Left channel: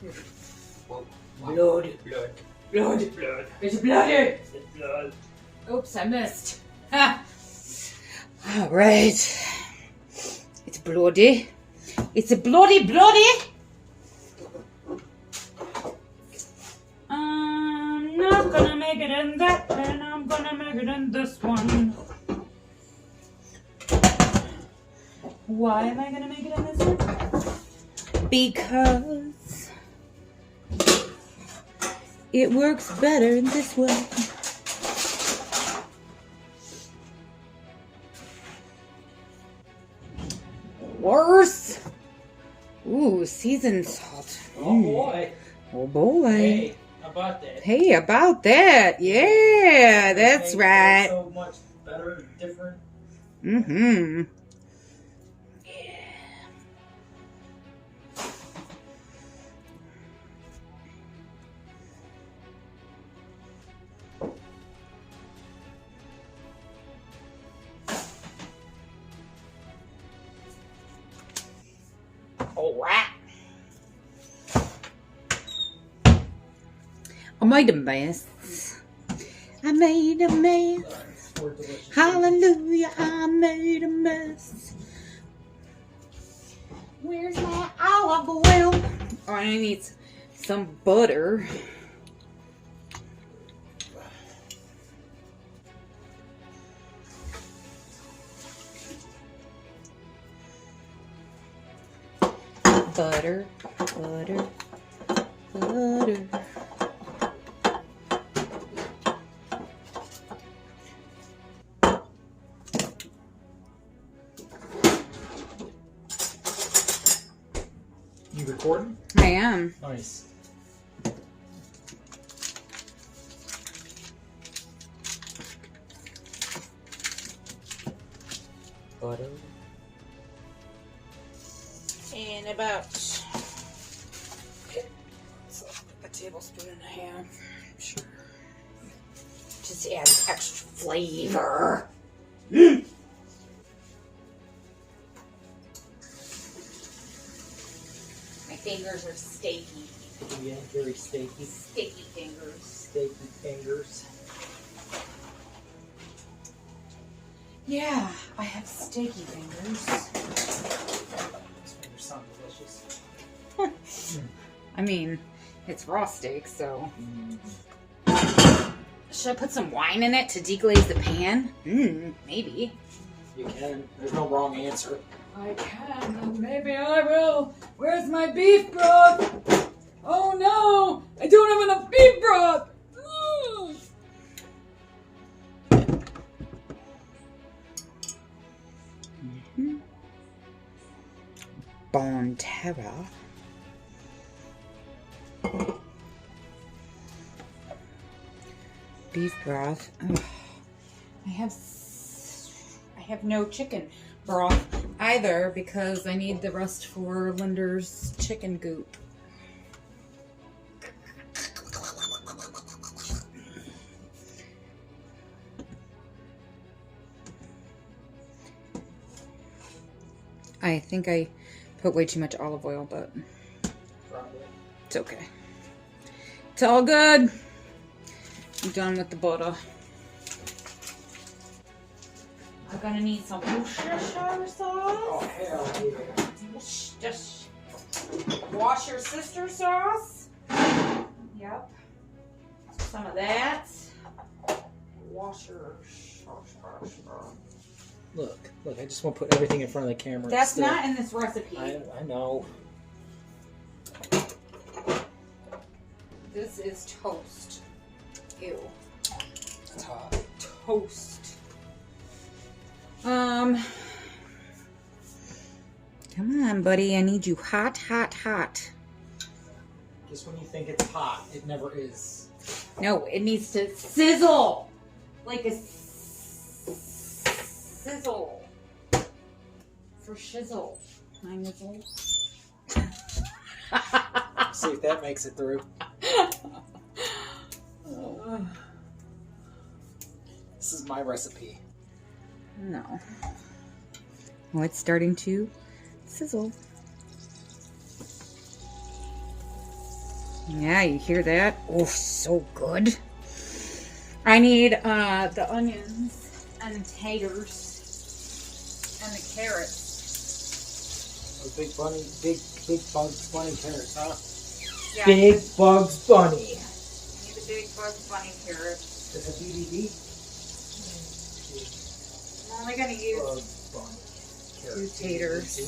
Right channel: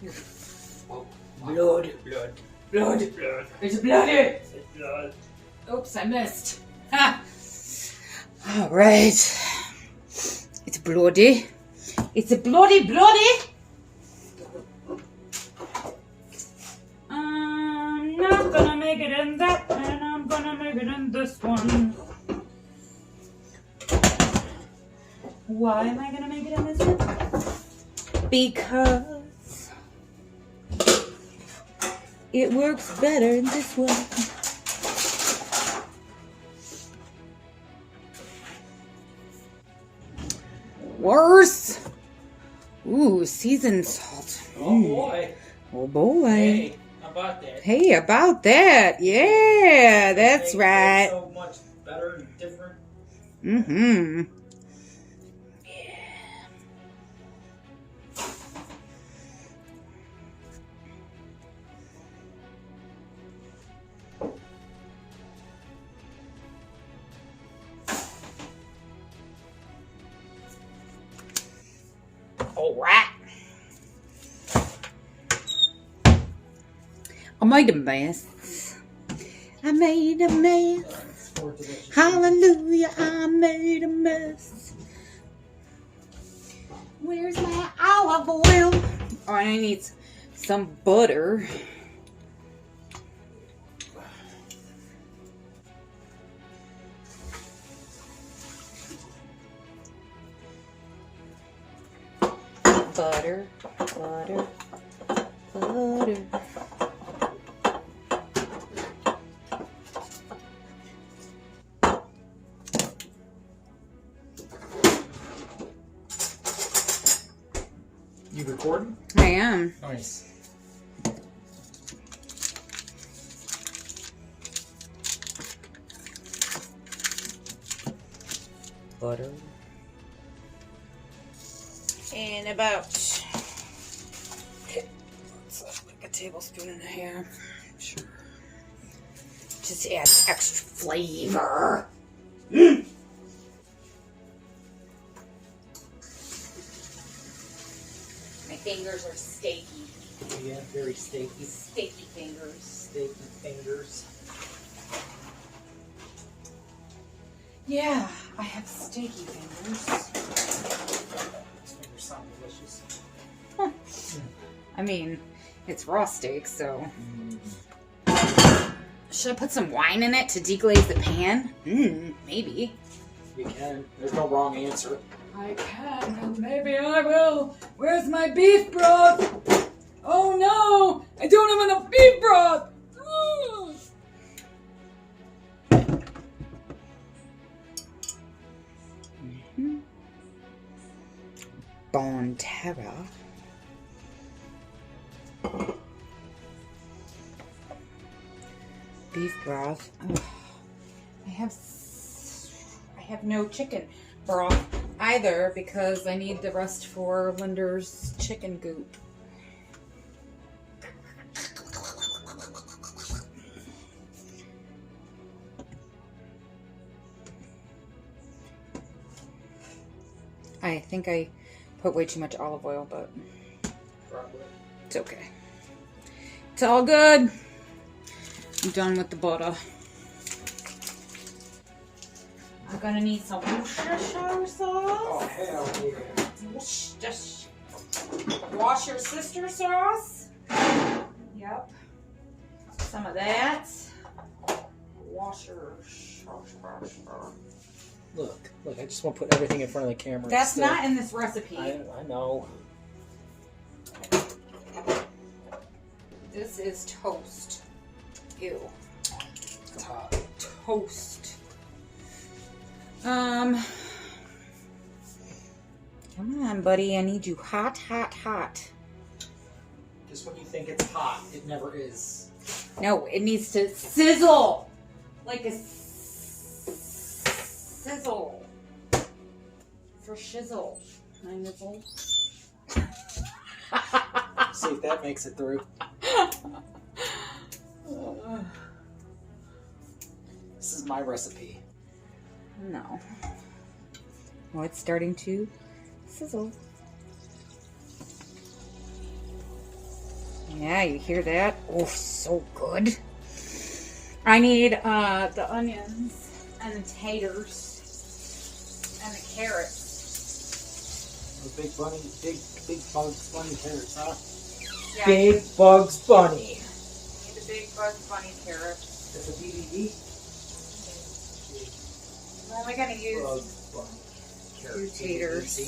Here. Whoa. Blood. Blood. Blood. Blood. It's bloody. It's blood. Oops, I missed. Ha. All right. It's bloody. It's a bloody. I'm not gonna make it in that, and I'm gonna make it in this one. Why am I gonna make it in this one? Because it works better in this one. Worse. Ooh, seasoned salt. Oh boy. Oh boy. Hey, how about that? Hey, about that. Yeah, that's Make it right. So much better and different. Mm-hmm. All right. I made a mess. I made a mess. For delicious. Hallelujah, I made a mess. Where's my olive oil? Oh, I need some butter. Butter. You recording? I am. Nice. Butter. And about like a tablespoon and a half. Sure. Just adds extra flavor. My fingers are steaky. Yeah, very steaky. Steaky fingers. Steaky fingers. Yeah, I have steaky fingers. These fingers sound delicious. I mean, it's raw steak, so. Should I put some wine in it to deglaze the pan? Maybe. You can. There's no wrong answer. I can, and maybe I will. Where's my beef broth? Oh no! I don't have enough beef broth! Bonterra. Beef broth. Ugh. I have no chicken broth either because I need the rest for Linder's chicken goop. I think I put way too much olive oil, but Probably. it's okay. It's all good. I'm done with the butter. I'm gonna need some Worcestershire sauce. Oh, hell yeah. Just wash your sister sauce. Yep. Some of that. Wash your Look, I just want to put everything in front of the camera. That's Still. not in this recipe. I know. This is toast. Ew. It's hot. Toast. Come on, buddy. I need you hot. Just when you think it's hot, it never is. No, it needs to sizzle. Like a sizzle. For shizzle. 9 years old. See if that makes it through. This is my recipe. No. Oh, it's starting to sizzle. Yeah, you hear that? Oh, so good. I need the onions and the taters and the carrots. The big bunny, big Bugs Bunny carrots, huh? Yeah, Big Bugs Bunny. I need the big Bugs Bunny carrots. Is it BBB? I'm only gonna use Bugs Bunny. two taters.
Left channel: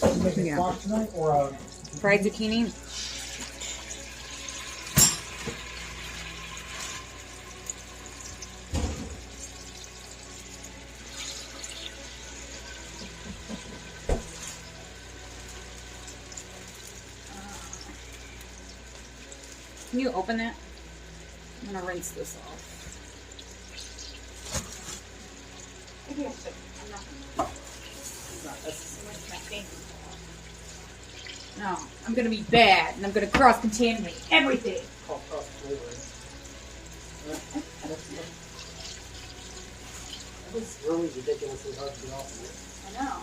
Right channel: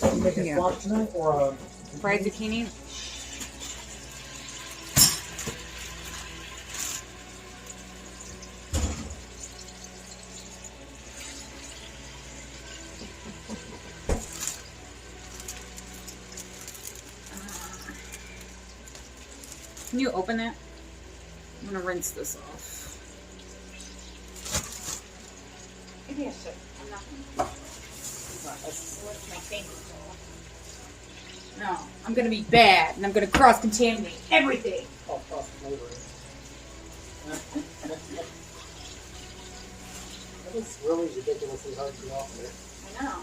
You making Yeah. squash tonight or Fried zucchini. Can you open that? I'm gonna rinse this off. Maybe I should. I'm not gonna. What's my finger called? No, I'm gonna be bad and I'm gonna cross contaminate everything. called cross flavoring? That was really ridiculously hard to get off there. I know.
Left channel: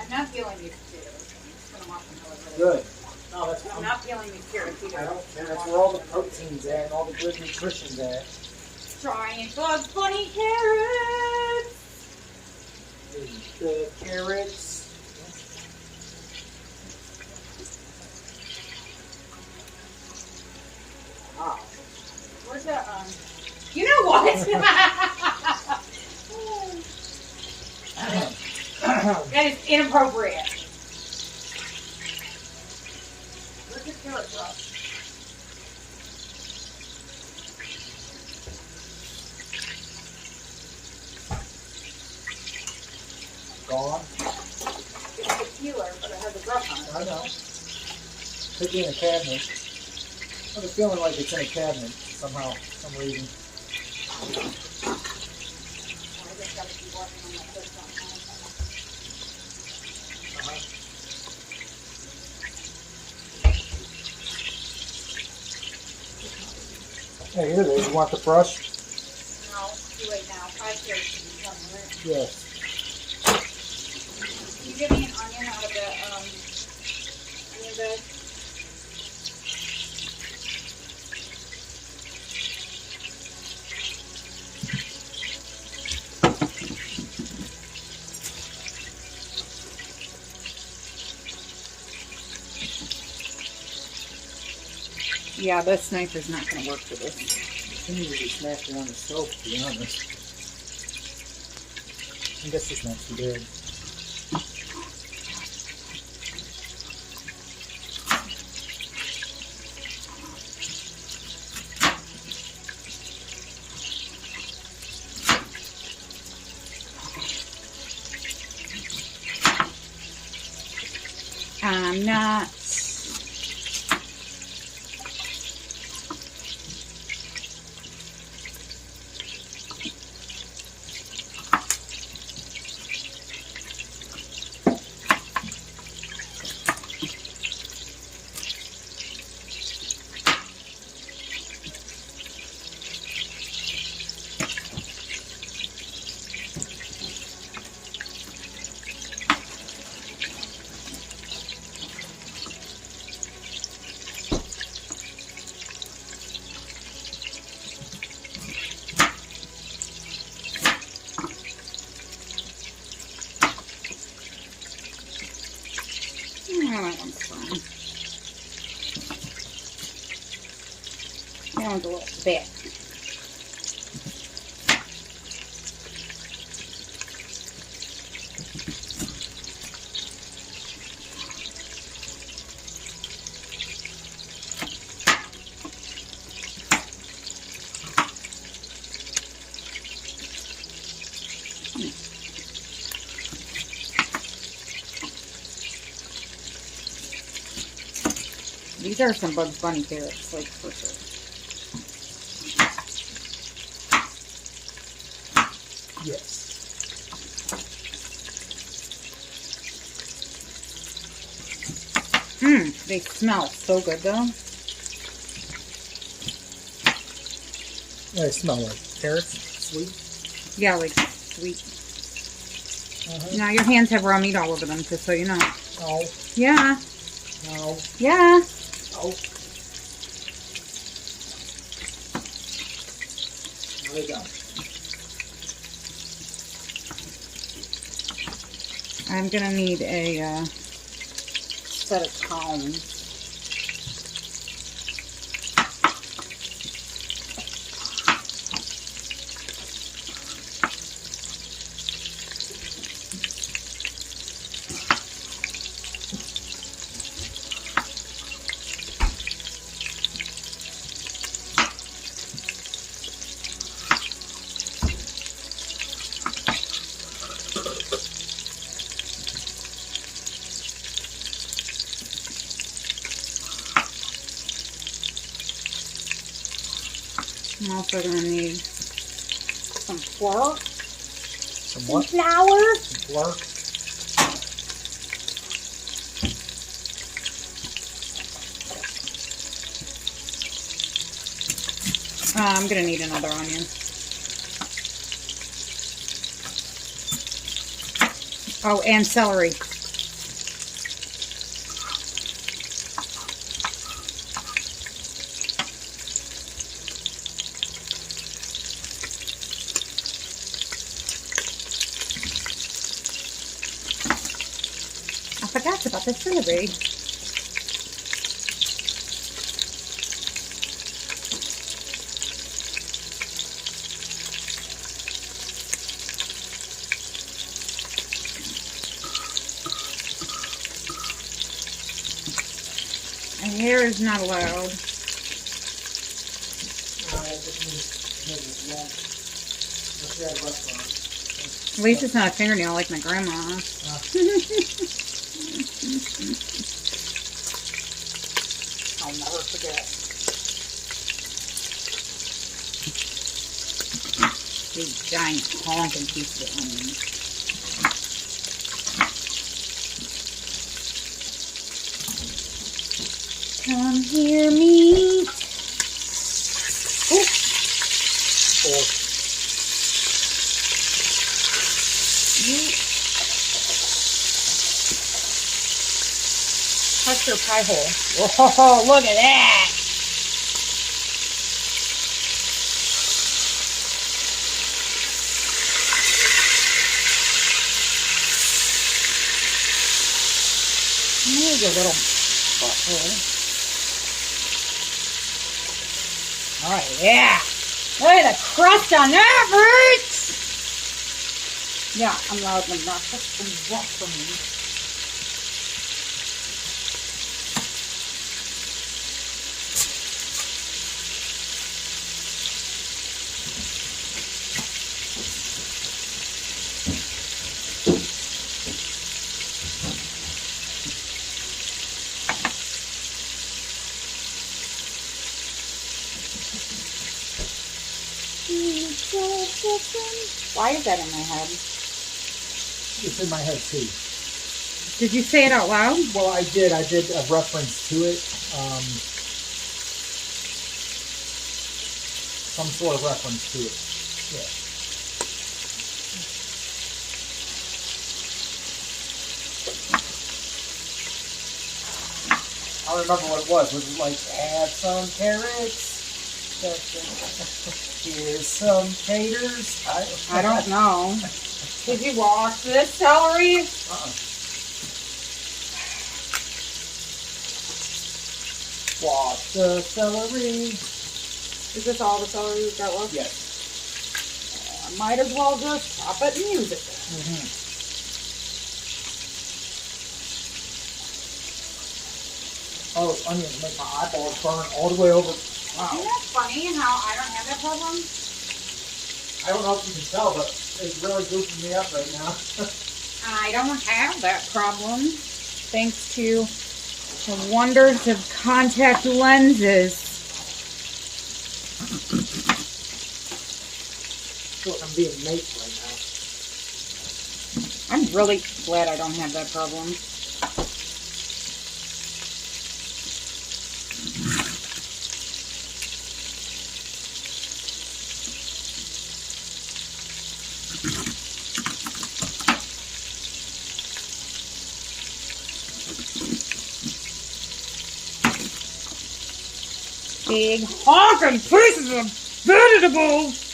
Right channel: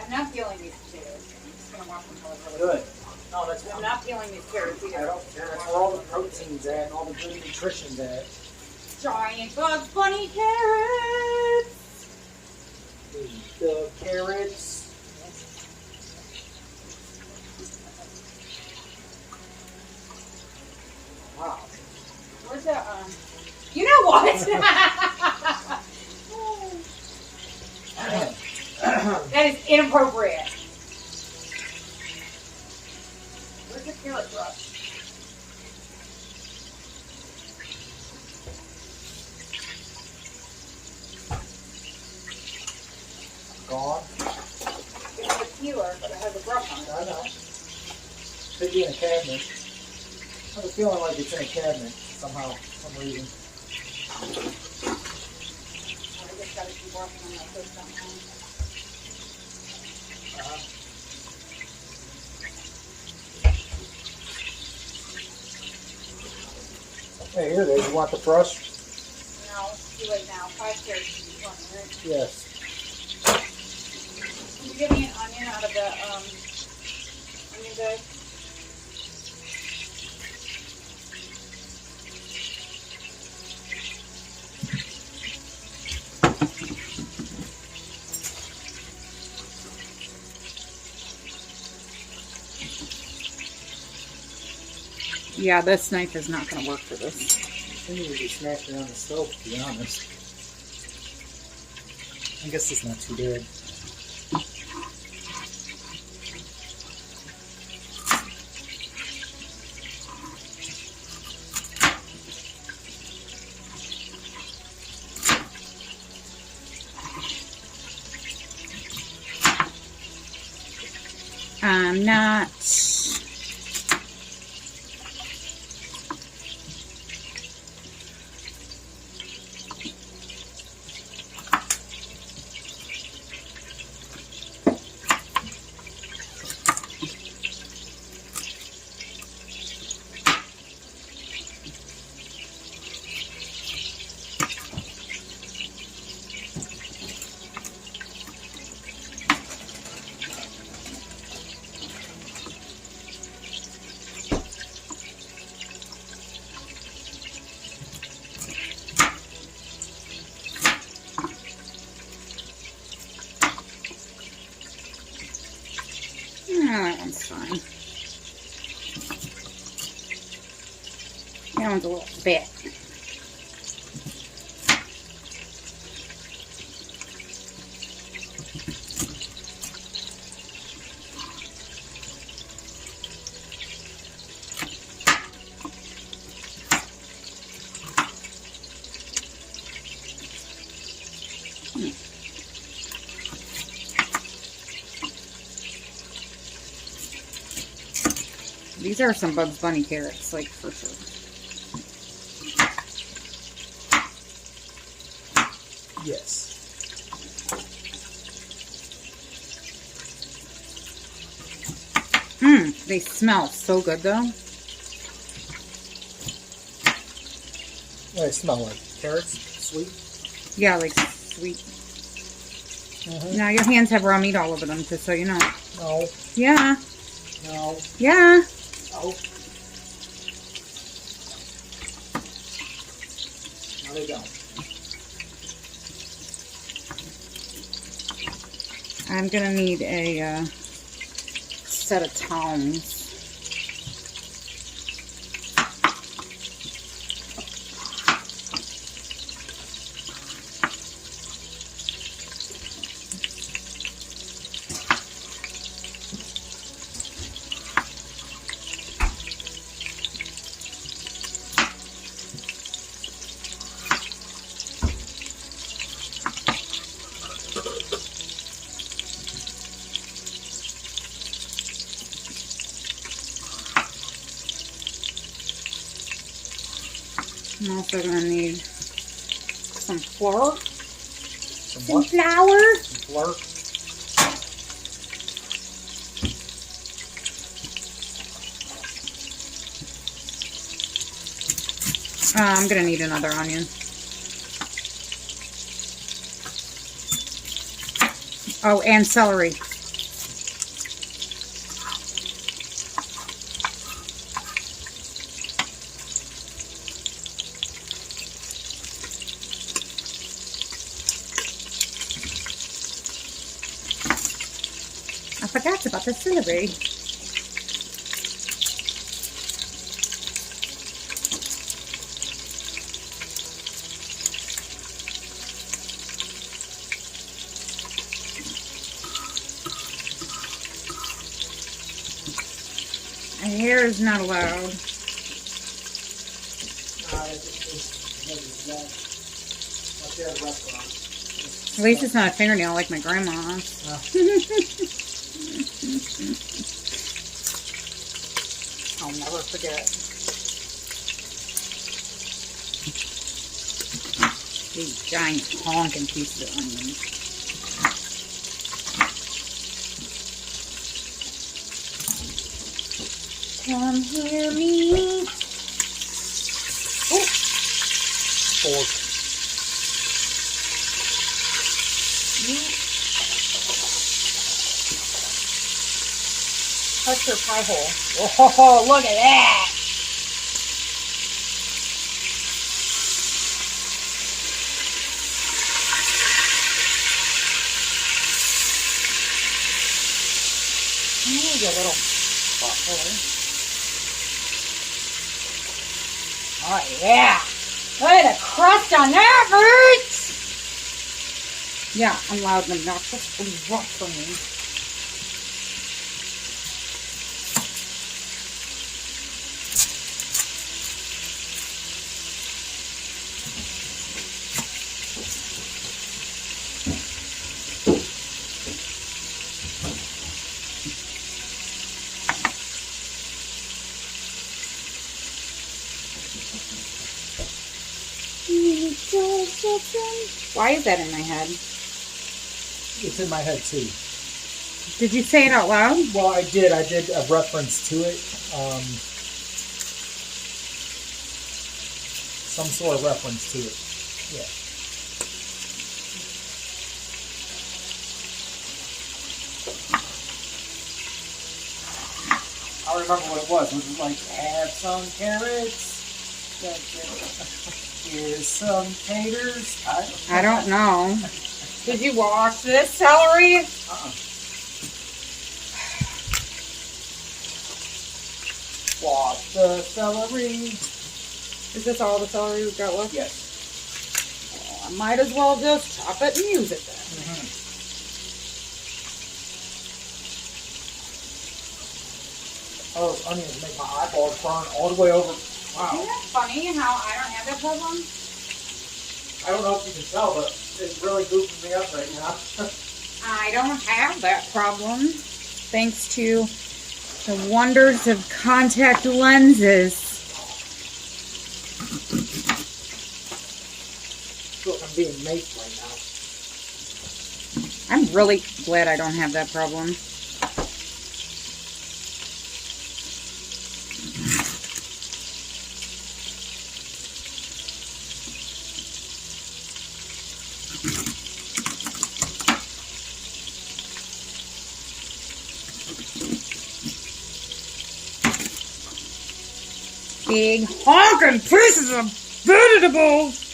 I'm not peeling these potatoes. I'm just gonna wash them really Good. No, that's I'm not peeling these carrots either. I don't. That's where all the protein's at and all the good nutrition's at. Giant Bugs Bunny carrots. The carrots. Wow. Where's that? You know what? That is inappropriate. Where's the carrot brush? Gone. It's the peeler, but it has a brush on it. I know. Could be in a cabinet. I have a feeling like it's in a cabinet somehow, for some reason. I just gotta keep working on my foot somehow. Hey, here it is. You want the brush? No, too late now. 5 carrots should be plenty, right? Yes. Can you give me an onion out of the onion bag? Yeah, this knife is not going to work for this. I think we just smashed it on the stove, to be honest. I guess it's not too bad. I'm not. No, that one's fine. That one's a little bit. These are some Bugs Bunny carrots, like, for sure. Yes. They smell so good, though. They smell like carrots, sweet. Yeah, like sweet. Now your hands have raw meat all over them, just so you know. No, Yeah. no, Yeah. no. No, they don't. I'm gonna need a set of tongs. I'm also gonna need some flour, Some some what? flour. Some flour? I'm gonna need another onion. Oh, and celery. I forgot about the celery. My hair is not allowed. That just means long. Unless you're at a restaurant. At least it's not a fingernail like my grandma's. I'll never forget. Big giant honking pieces of onion. Come here, meat. Fork. Touch your pie hole. Whoa, look at that. Here's a little butthole. Oh, yeah. Look at the crust on that, Rich. Yeah, I'm loud and obnoxious. It's rough for me. Why is that in my head? It's in my head too. Did you say it out loud? Well, I did. I did a reference to it. Some sort of reference to it. Yeah. I remember what it was. Was it like, have some carrots? Here's some taters. I don't know. Did you wash this celery? Wash the celery. Is this all the celery we've got left? Yes. I might as well just chop it and use it then. Oh, those onions make my eyeballs burn all the way over. Wow. Isn't that funny how I don't have that problem? I don't know if you can tell, but it's really goofing me up right now. I don't have that problem. Thanks to the wonders of contact lenses. I feel like I'm being maced right now. I'm really glad I don't have that problem. Big honking pieces of vegetables.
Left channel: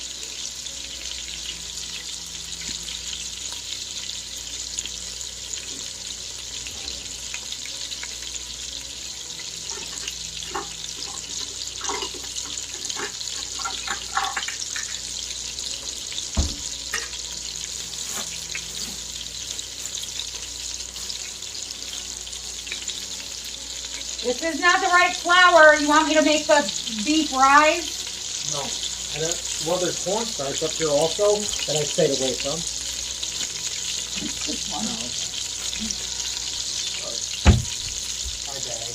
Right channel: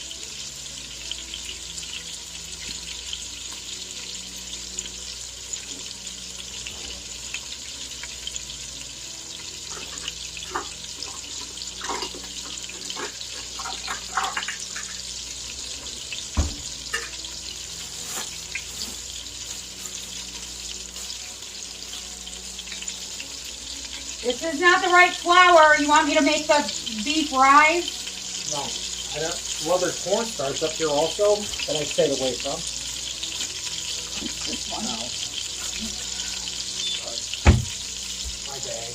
This is not the right flour. You want me to make the beef rise? No, I don't. Well, there's cornstarch up here also that I stayed away from. This one. No. Sorry. My bag.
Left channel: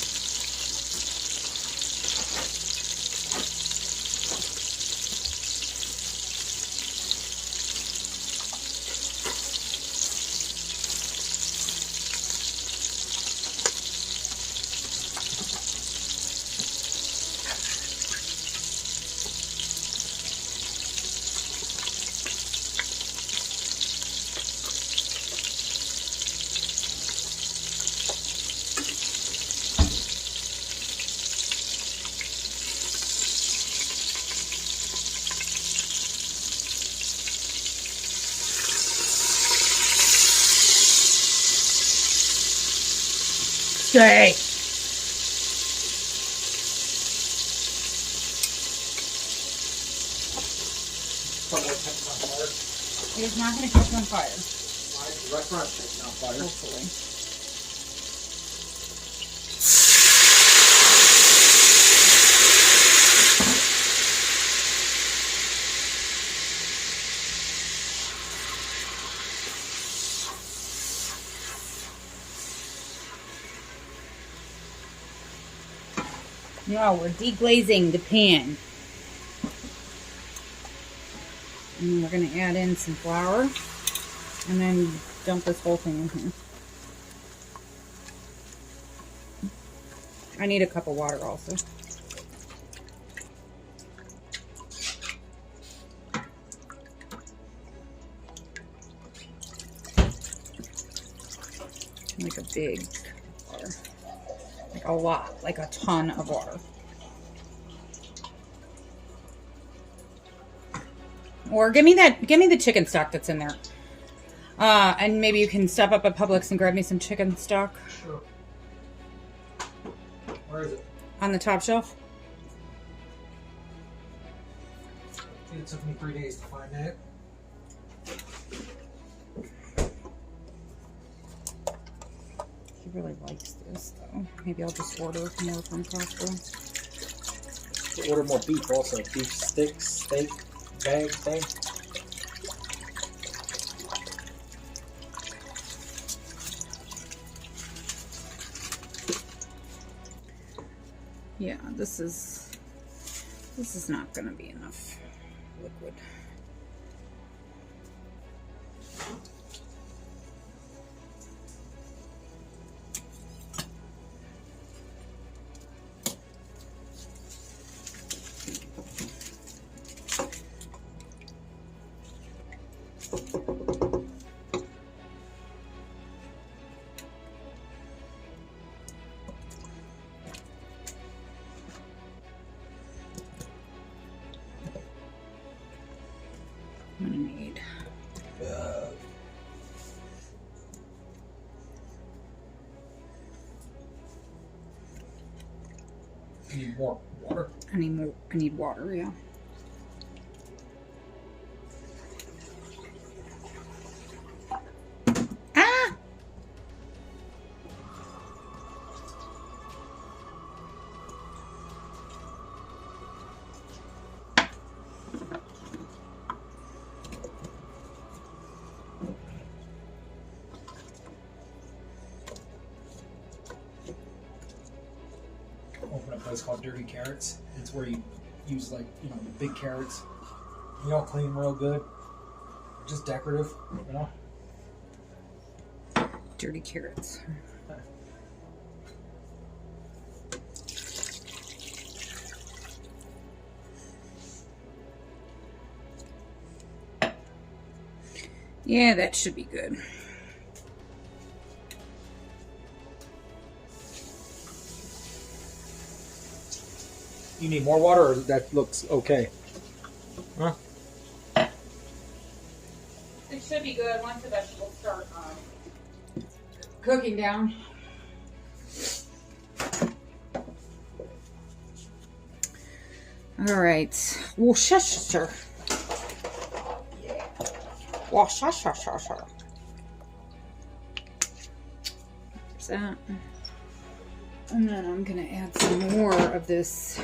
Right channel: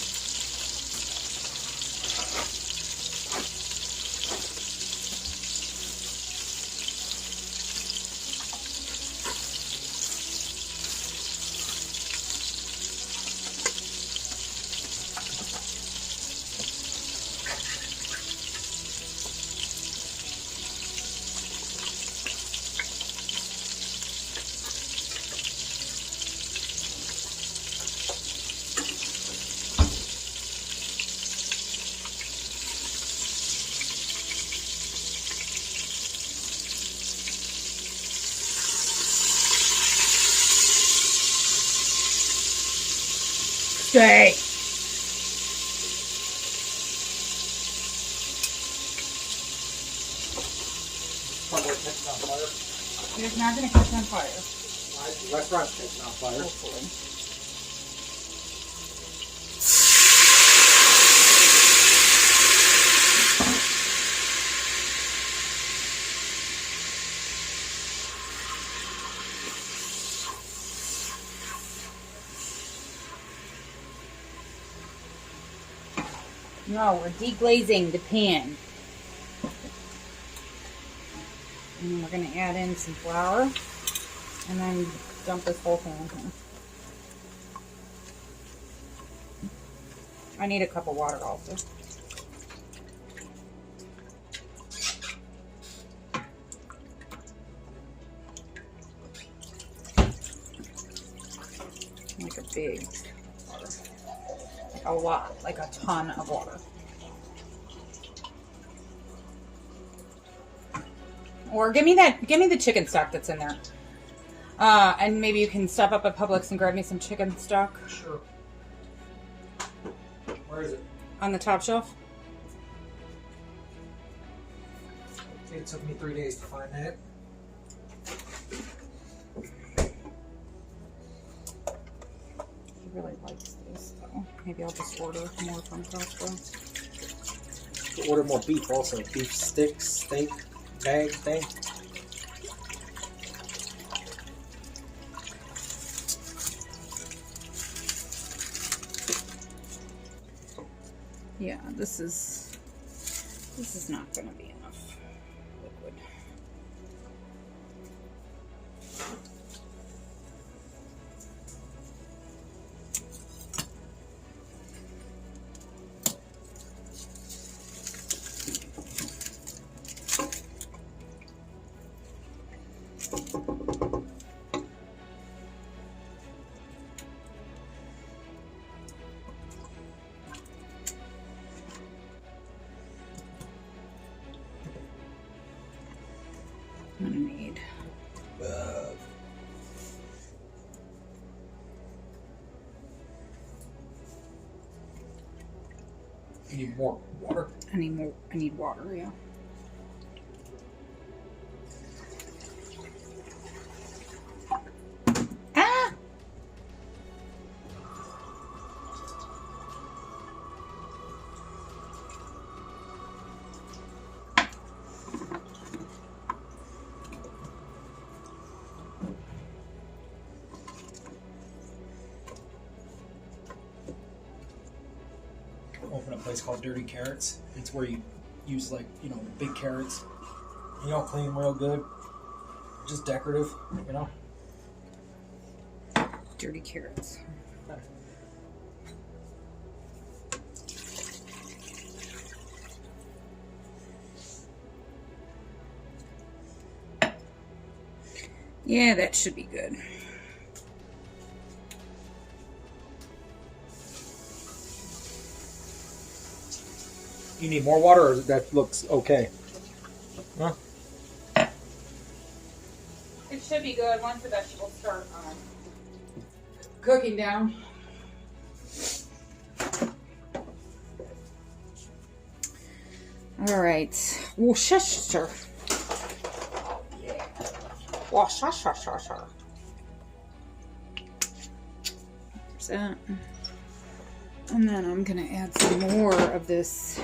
Stay. Probably catching on fire. It's not going to catch on fire. My restaurant's catching on fire. Hopefully. No, we're deglazing the pan. And we're going to add in some flour and then dump this whole thing in here. I need a cup of water also. Like a big water. Like a lot, like a ton of water. Or give me the chicken stock that's in there. And maybe you can stop up at Publix and grab me some chicken stock. Sure. Where is it? On the top shelf. I think it took me 3 days to find that. He really likes this though. Maybe I'll just order more from Costco. Order more beef also. Beef sticks, steak, bag thing. Yeah, this is not gonna be enough liquid. I'm gonna need You need more water. I need water, yeah. Ah! Open a place called Dirty Carrots. It's where you use the big carrots. Clean them real good. Just decorative, Dirty carrots. Yeah, that should be good. You need more water, or that looks okay? Huh? It should be good once the vegetables start cooking down. All right. Worcestershire. Worcestershire. There's that. And then I'm gonna add some more of this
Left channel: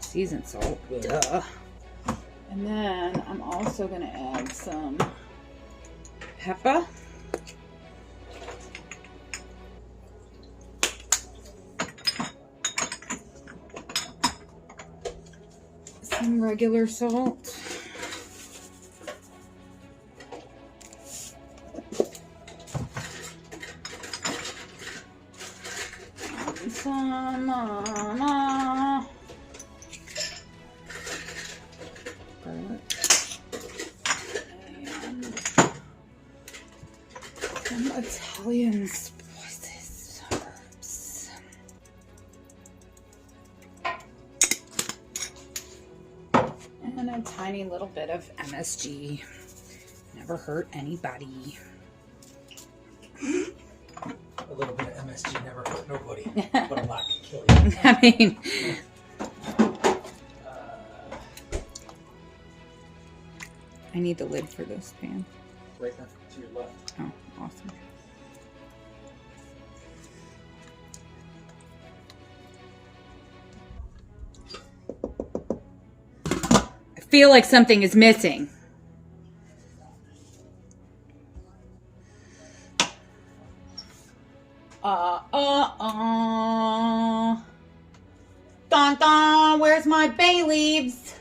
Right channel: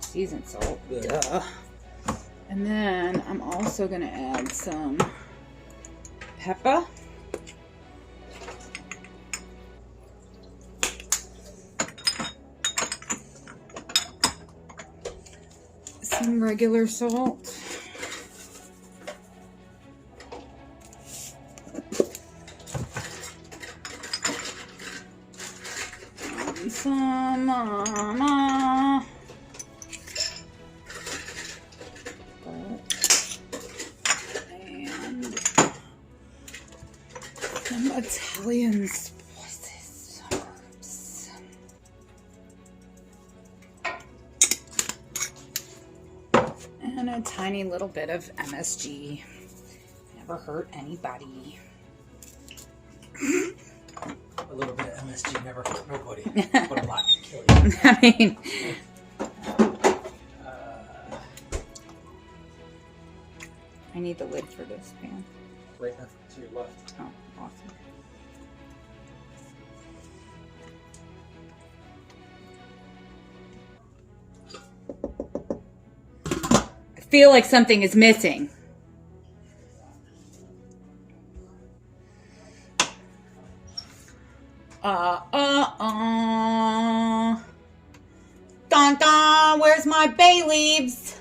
seasoned salt. Yeah. Duh. And then I'm also gonna add some pepper. Some regular salt. And some garlic. And some Italian spices. Herbs. And a tiny little bit of MSG. Never hurt anybody. A little bit of MSG never hurt nobody, but a lot can kill you. I mean, I need the lid for this pan. Right now, to your left. Oh, awesome. I feel like something is missing. Dun dun, where's my bay leaves?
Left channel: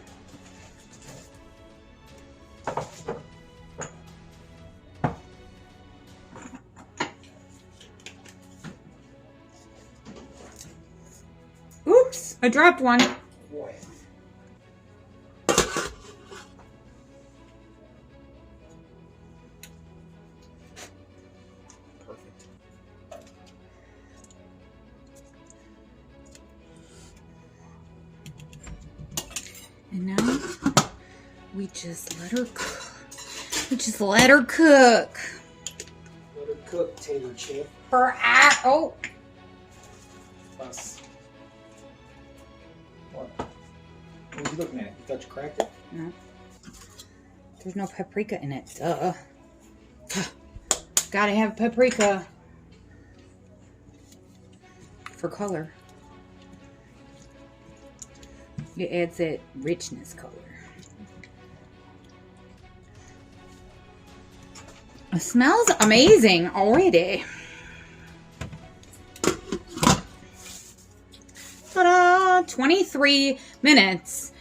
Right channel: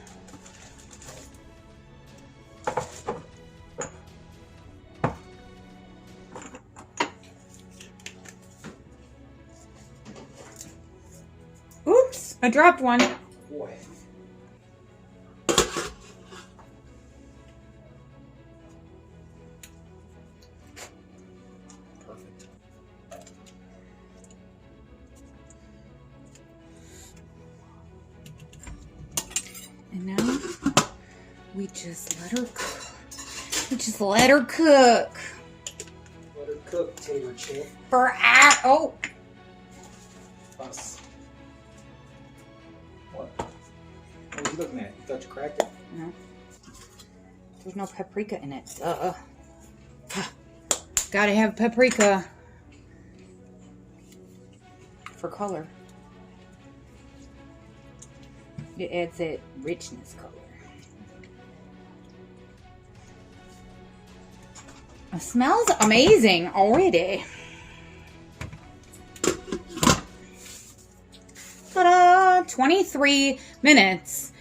Oops, I dropped one. Boy. Perfect. And now we just let her cook. We just let her cook. Let her cook, tater chip. Oh, Us. What? What are you looking at? You thought you cracked it? no. There's no paprika in it. Duh. Gotta have paprika for color. It adds that richness color. It smells amazing already. Ta-da! 23 minutes.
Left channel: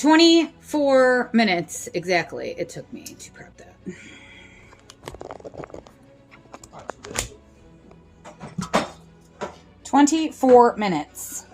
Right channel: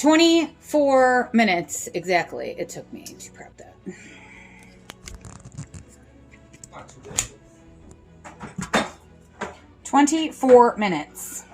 24 minutes exactly it took me to prep that. Not too bad. 24 minutes.